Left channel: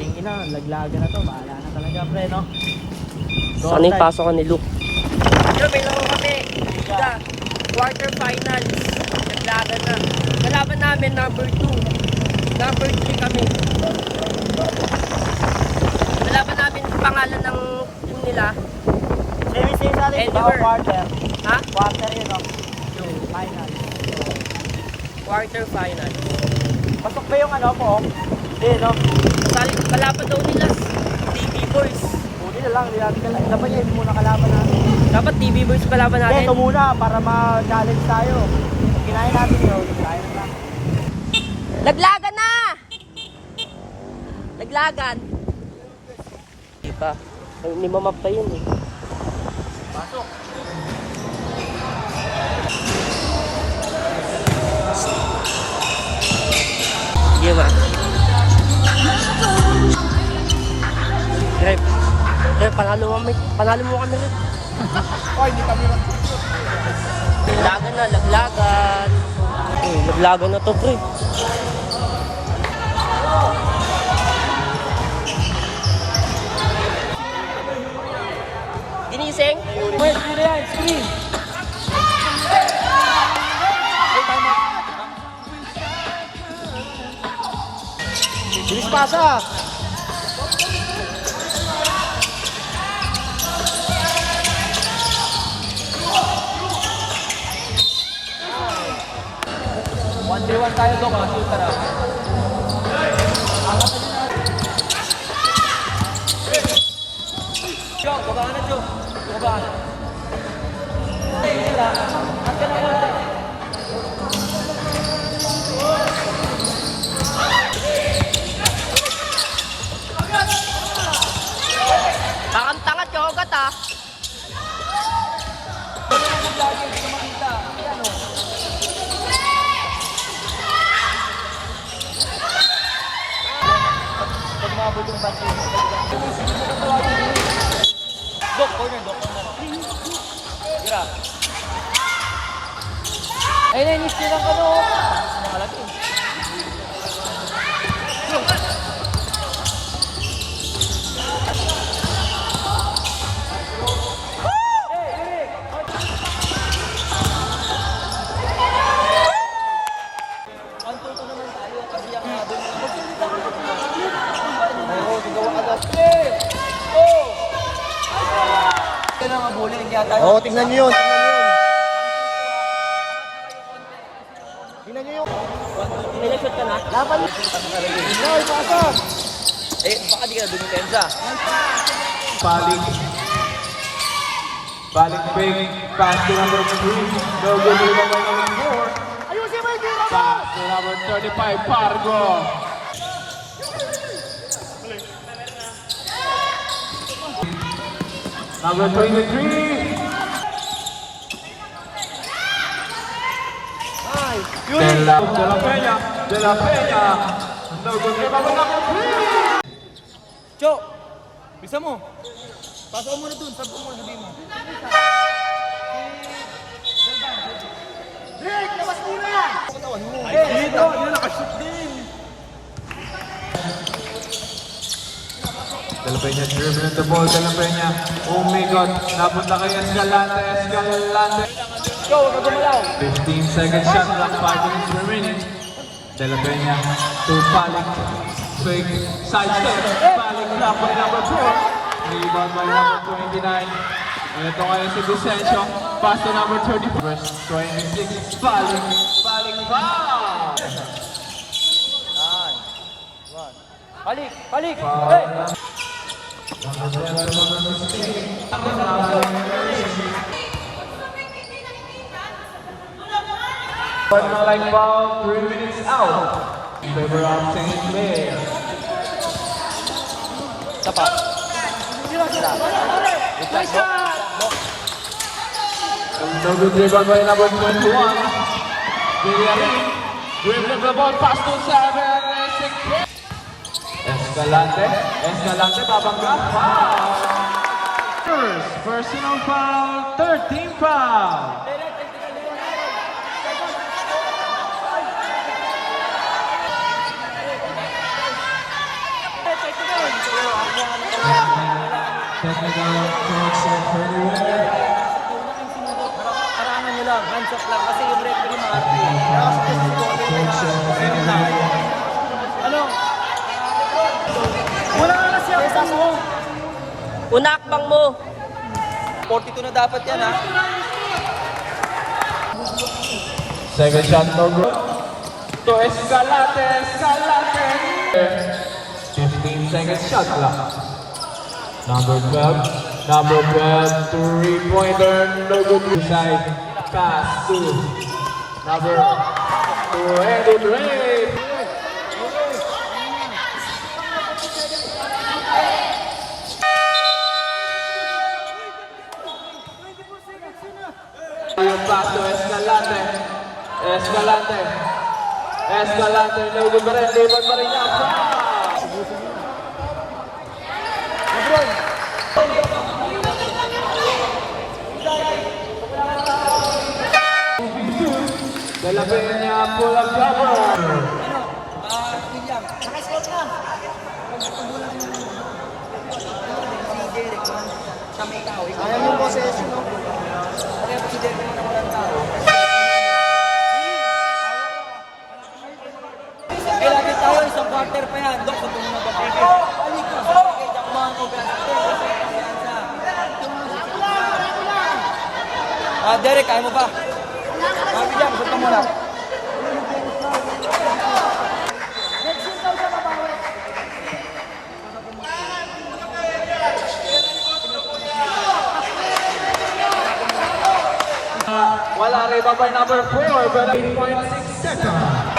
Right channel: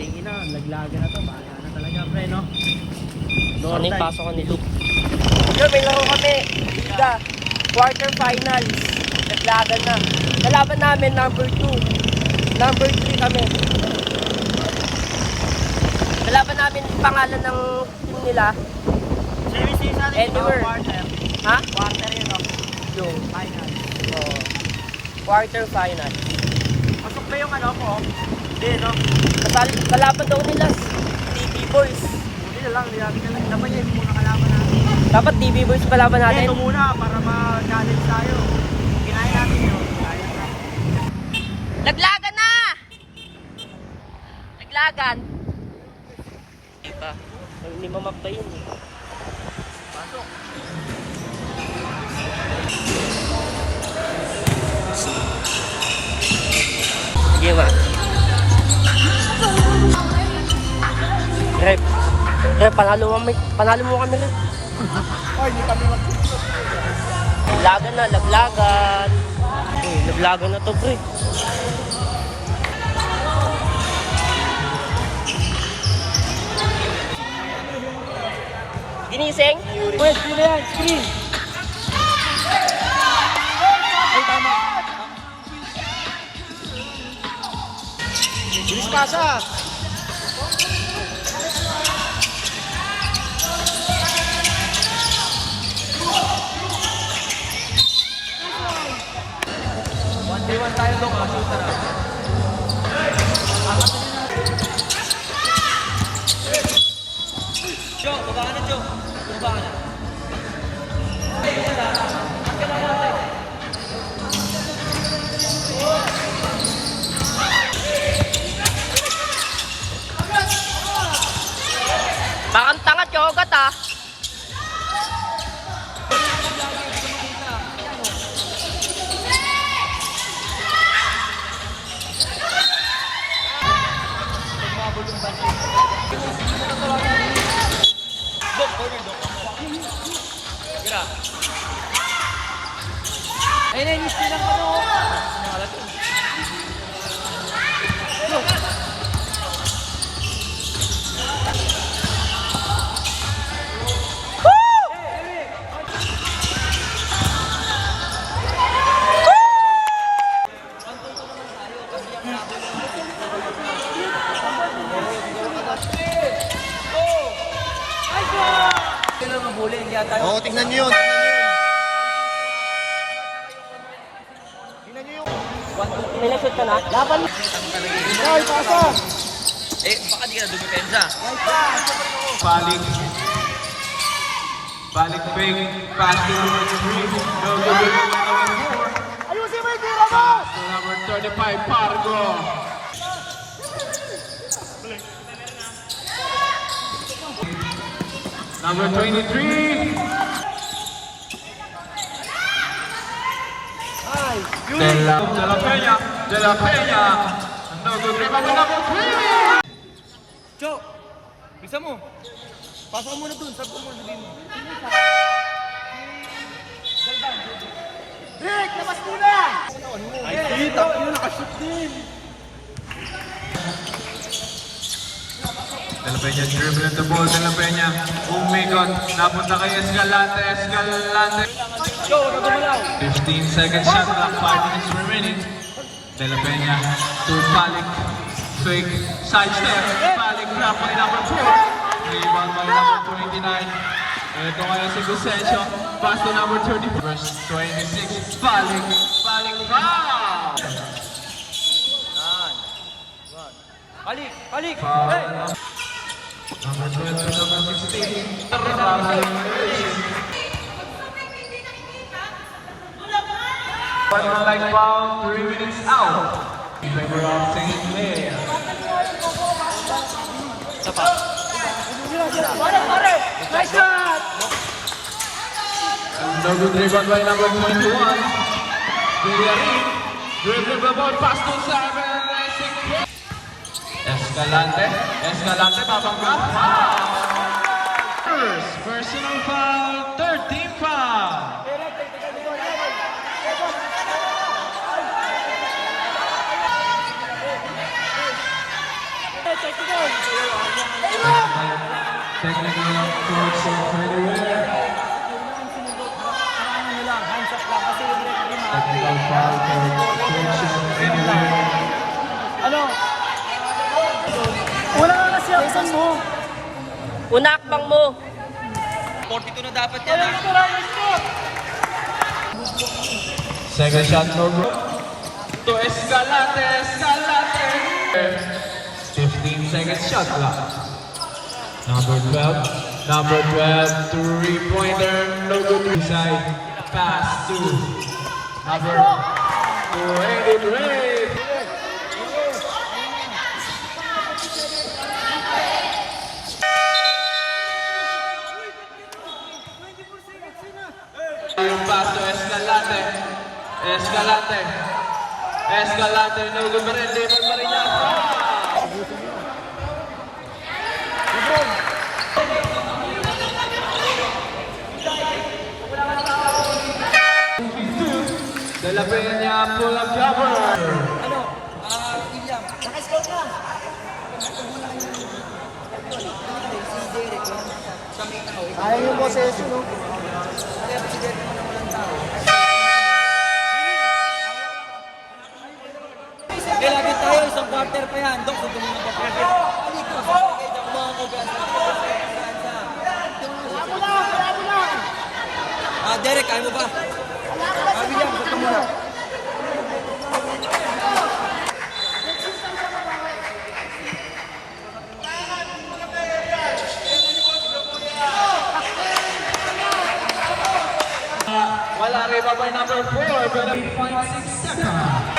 Ting ina, laglaga na to. Bahala na talaga, pre, no? Sana yung pasok ka ni Luke. Yo, may laro kami. Liga. Quarter finals. Naglagan na. Kalaban namin, number 2. Number 3 kami. Kalaban namin, pangalan ng team nila. Same sa atin, Anywhere. quarter. Ha? Quarter yun, no? Yung Final. quarter final. Pasok ba yung ano po? Hindi, no? Kalaban daw nila, TV Boys. Buti na lang, hindi natin kalaban. Dapat yun muna kalaban natin. Dapat TV Boys kalaban natin. Ito muna, para ma-challenge tayo. Kung kinain natin yun, kaya na. Laglagan na! Laglagan. Diba? Hindi mamap tayo yun eh. Sige ba? Rep, panalo mo kami, Rep. Oy, hindi kami. Laglagan na, laglagan. Laglagan na to, pre. Ginising? Yes, sige yan, sige. Bilis pasa. One tayo dong, mapunta. Yo, baba ka na, Jo. Baba ka. Bakang tangat yogat ah. Ay, nainis nilang ka mo. Oo, tingnan nyo yun. May na-shoot ka na? Laban. Eh, baka di ka na dumipensa. Balik break, pass to number 3. No good with the number 4. Pass to number 35, Pargo. Number 23. De La Peña. No good rebound with number 3. Jo, bisa mo. Pasok mo na dun, sabi mo na din mo. Rick, labas muna! Katawan mo. Dito, yun nakashoot din. De La Peña dribbling the ball. De La Peña. Oh my God. Napunta kay Escalante. 15 seconds shot clock. 5 minutes remaining. De La Peña to Palik. Fake side step. Palik drop by number 4. Rebound by number 29. Ito ay si Vicencio. Pass to number 30. Verse 26. Palik foul. Balik, balik! Foul. Number 12 to number 16. One more line foul, 3 minutes out. Favor of St. Clair. Number 3 by number 21. Dribbling the ball past to 7. Escalante, tabang na. Foul! Personal foul, 13 foul. Technical coach of anywhere. Karangan nyo lang, hands off lang. Kasi yung referee maaari. Technical foul for coach of anywhere. Ano? Wala ka na siya. Pesas mo. Una akbang mo. 42 na dapat yan, ha? Second shot number to Escalante. 15 seconds shot clock. Number 12, three-pointer, no good. Side pass to number 23. Yung pass to Escalante, no good pa rin, David Mariña. De La Peña pull up cover. William, naka-scout lang. Pagbulang si Derek, siya may tao. Ayaw mo boses mo. Okay, si Derek mo naman ang tao. Eh, lagi tayo, isang quarter pa yan. Dok, kung tumulong ba? Alik ko. Okay, dyan kumahan ko. Derek, kaya mo ba? William, gusto mo na. Wala kay Baba number 4, pero 8.6 seconds.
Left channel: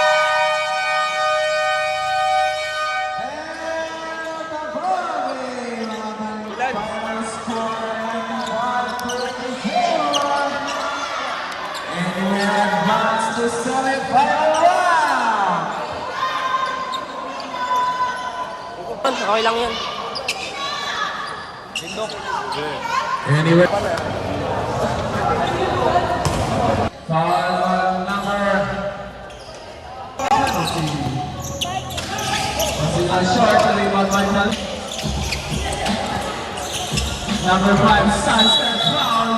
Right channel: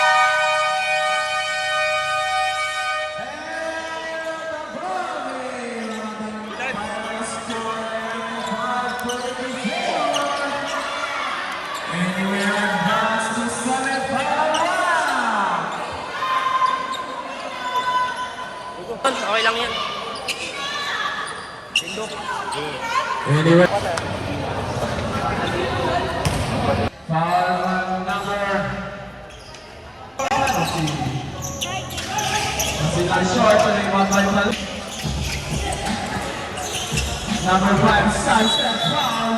Okay lang yan. Anyway. Foul number. Number 5, Sunset foul.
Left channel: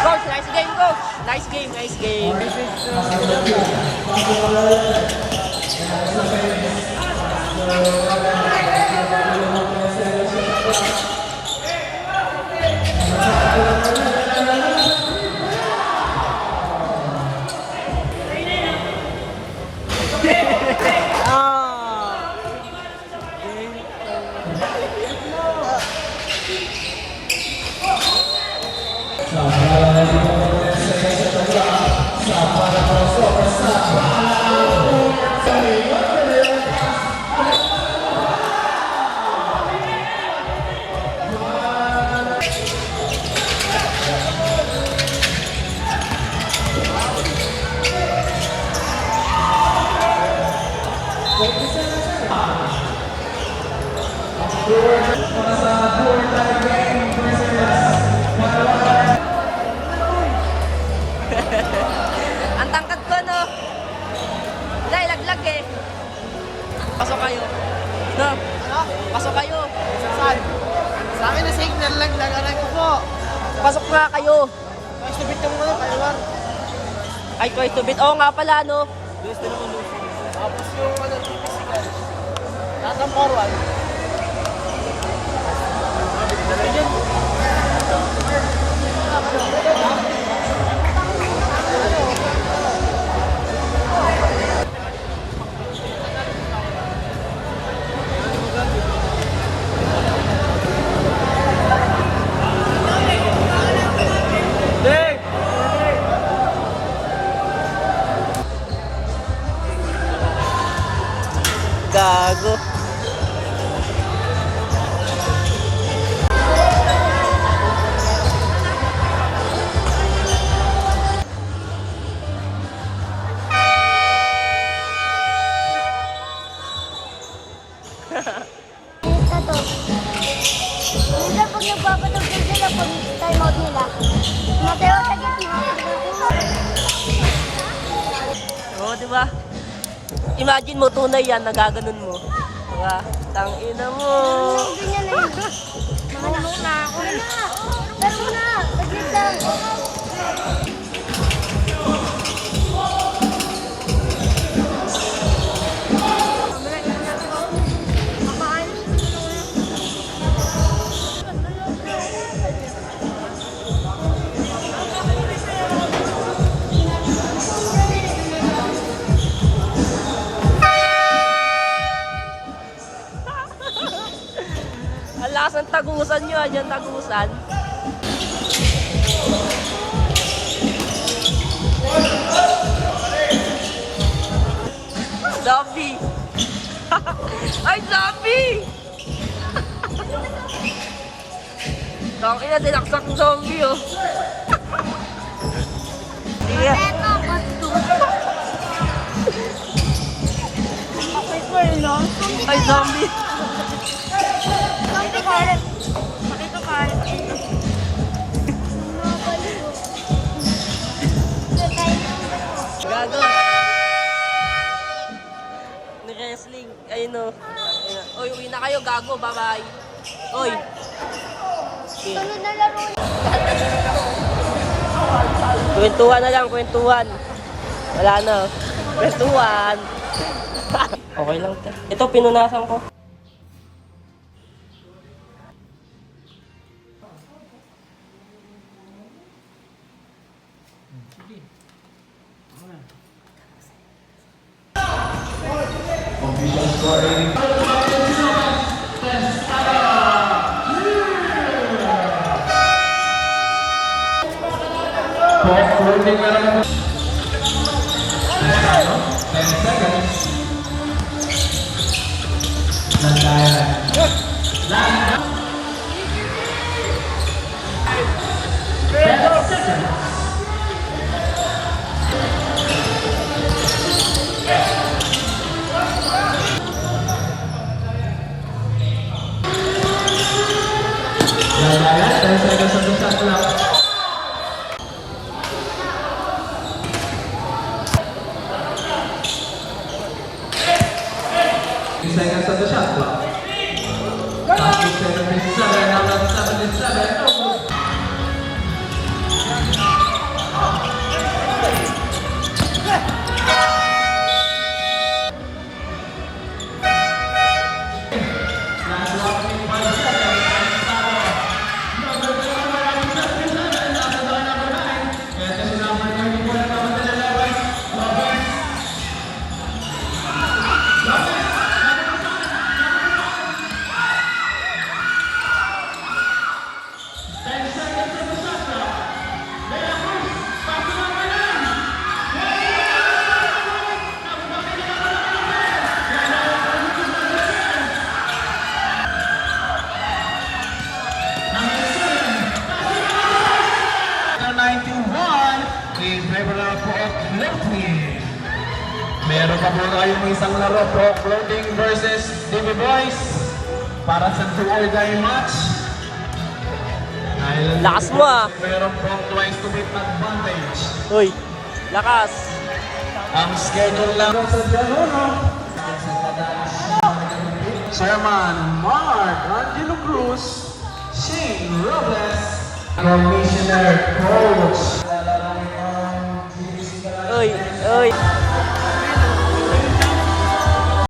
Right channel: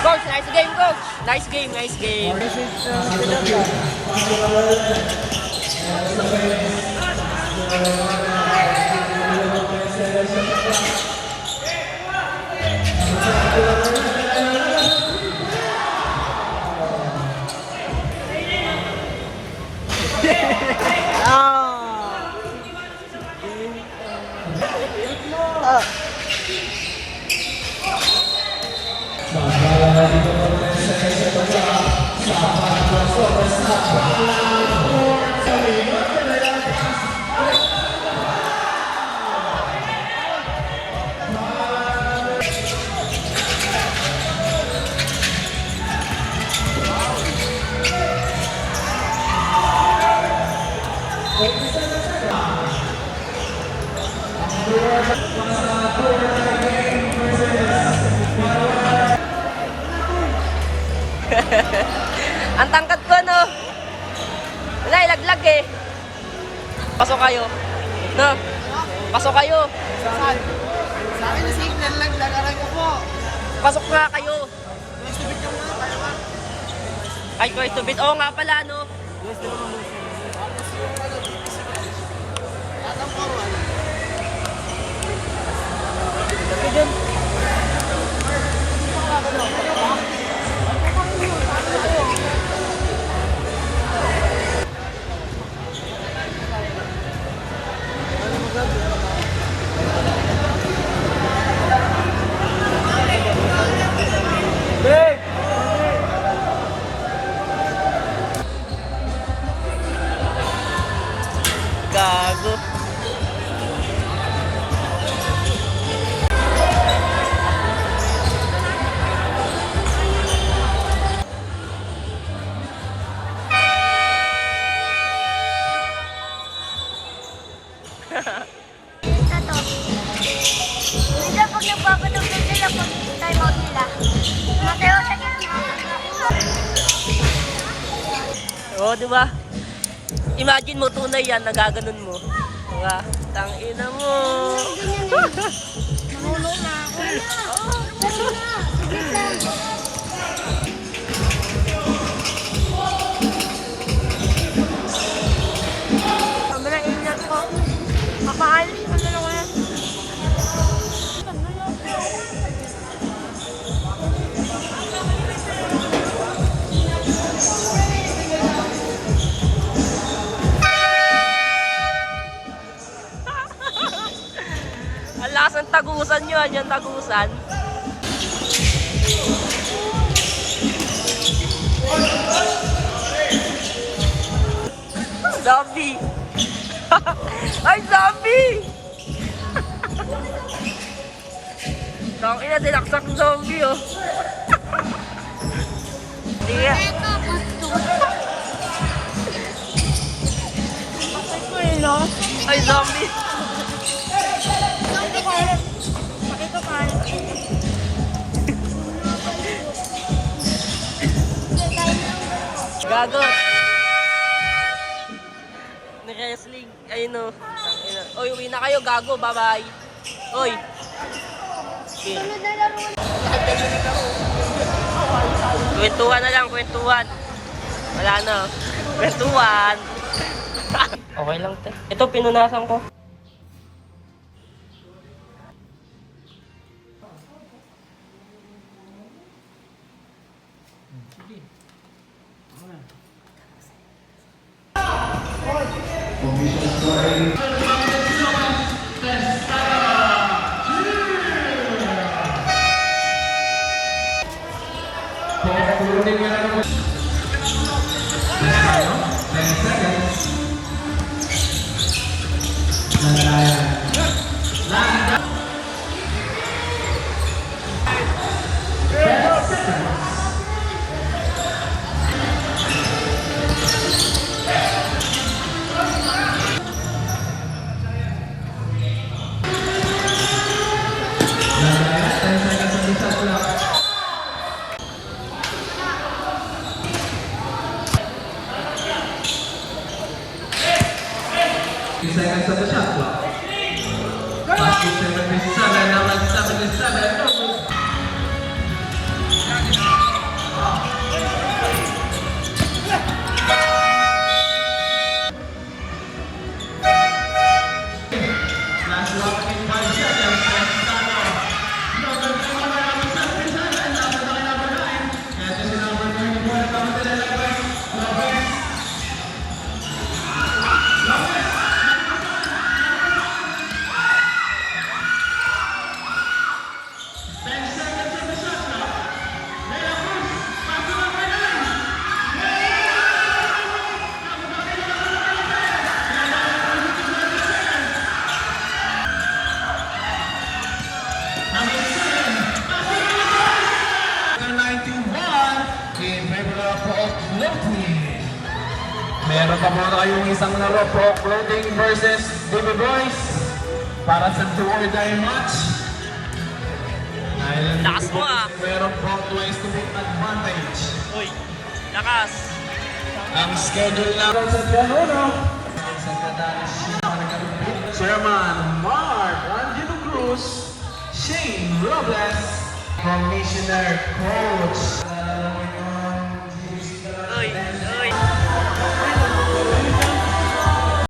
Coach, nice game, coach. Nice game, nice game. Ang tangkad ko, no? Wala, ilaglag eh. Pasok kayo. No? Pasok kayo. Saan? Sa akin na signal lang, lagaran ko po. Pasok nga kayo. Subit ka muna, tayo. Ay, Kuya Tubit. Oo nga pala, no? Nasaan forward? Gago. nagpapatugtog sila pag time out nila. Mateo sa gitna. Oo, di ba? Imagine mo, tunay yan, nagaganon mo. Mga, tangina mo. Ganyan na yun. Mahulog na ako. Pero na, saglit lang. Ang lakas ng tagusan nyo, dyan tagusan. Zombie! Ay, zombie! Tangina, dinaksak ng zombie, oh. Sige. Eto, pasto. Okay po, no? Ay, zombie! Pakito karet. Pakito karet. Gago! Ni-wrestling. Ayun, oh. Tangina. Oy, uwi na kayo, gago. Bye-bye. Oy. Okay. Sunod na laro. Kwentuhan na lang, kwentuhan. Wala na. Kwentuhan. Okay lang, te. Ito, pinunasan ko. Seconds of the shot clock. After 7, almost. In favor of floating. Meron pa muna kayong isang laro pro floating versus David Boys para sa do or die match. Lakas mo, ah. Meron pang twice to beat advantage. Uy, lakas. Ang schedule laro sa laro. Chairman Mark Ranjito Cruz, Shane Robles, Commissioner Coach. Uy, uy.